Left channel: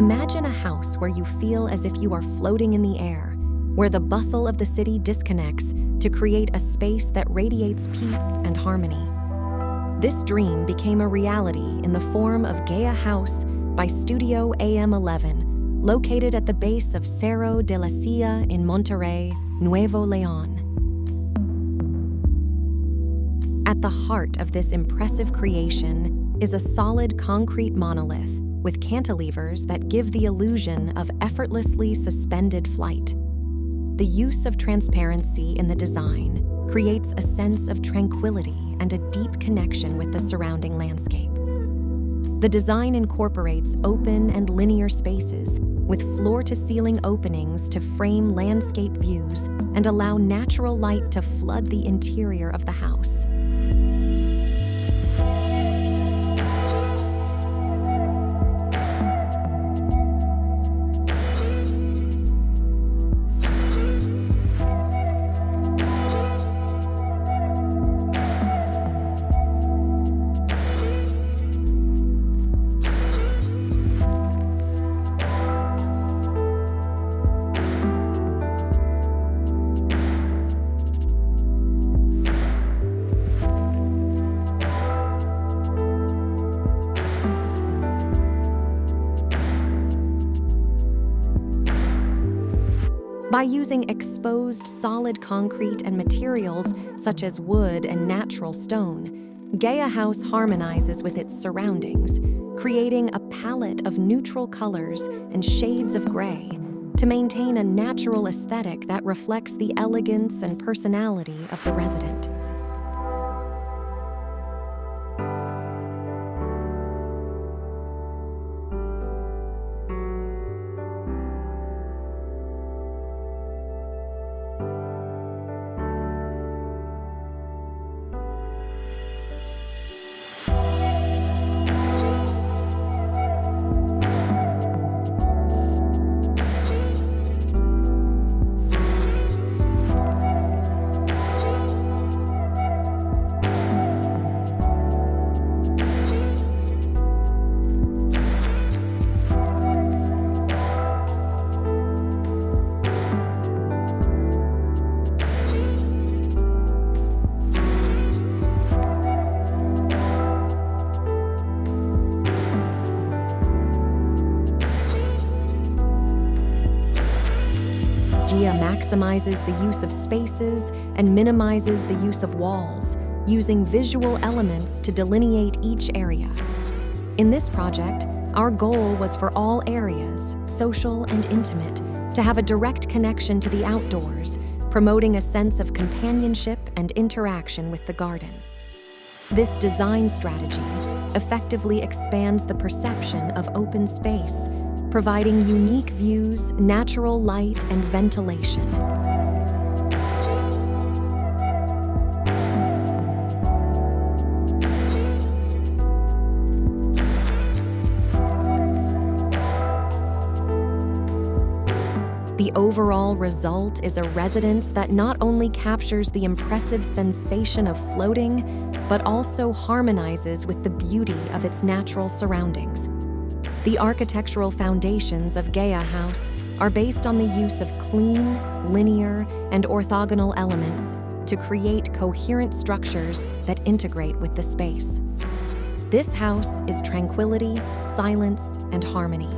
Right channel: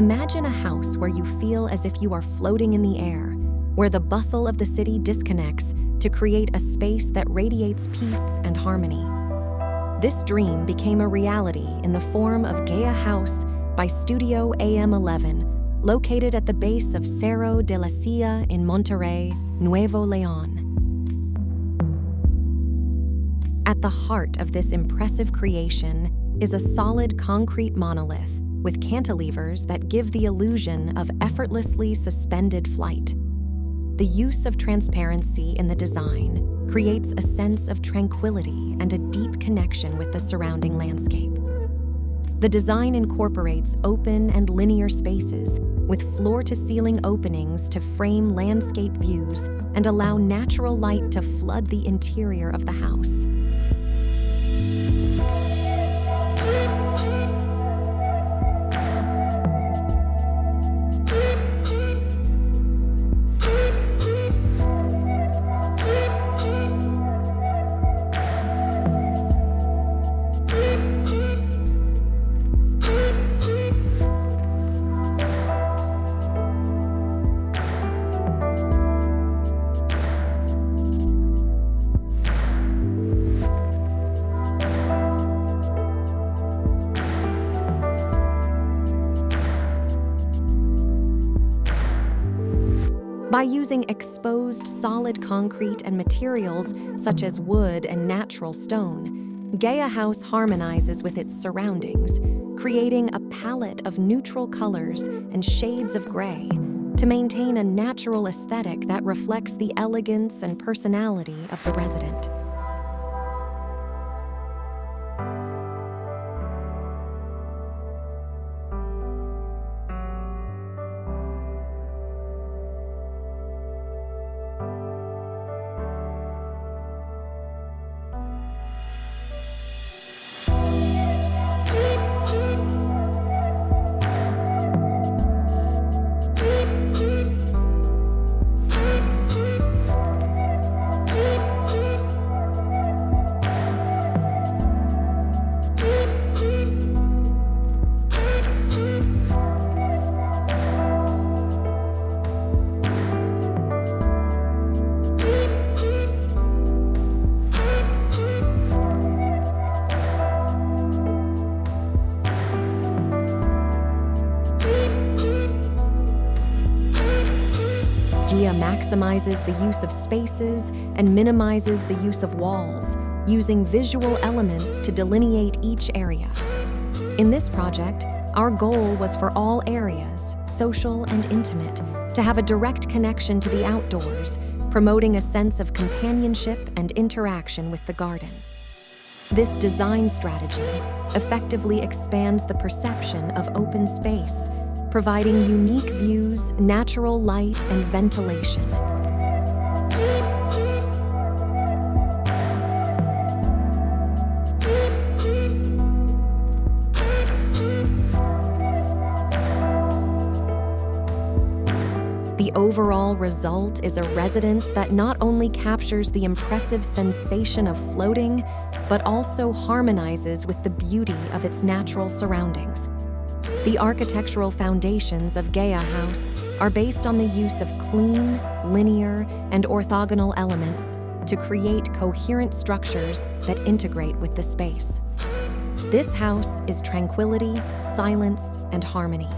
Imagine a house where you feel as if you are floating in the air, where the bustle of the city disconnects to create a space that radiates peace and harmony. This dream became a reality in the form of Gea House by Studio AM11, located at the base of Cerro de la Silla in Monterrey, Nuevo León. At the heart of this impressive creation is a solid concrete monolith with cantilevers that give the illusion of effortlessly suspended flight. The use of transparency in the design creates a sense of tranquility and a deep connection with the surrounding landscape. The design incorporates open and linear spaces with floor-to-ceiling openings to frame landscape views and allow natural light to flood the interior of the house. By using exposed solid concrete and materials such as wood and natural stone, Gea House harmonizes with its surroundings, creating a palette of neutral colors and shades of gray to maintain a natural aesthetic that reflects the elegance and personality of the resident. Gea maximizes the use of spaces and minimizes the use of walls, using visual elements to delineate each area. In this project, our goal was for all areas, social and intimate, to have a direct connection to the outdoors, promoting a sense of companionship and interaction with the garden. This design strategy effectively expands the perception of open space, providing unique views, natural light, and ventilation. The overall result is a residence that not only captures the impressive sensation of floating, but also harmonizes with the beauty of its natural surroundings. The architectural foundations of Gea House are based on the use of clean, linear, and orthogonal elements to create coherent structures that integrate with the space. This house is tranquility, silence, and harmony.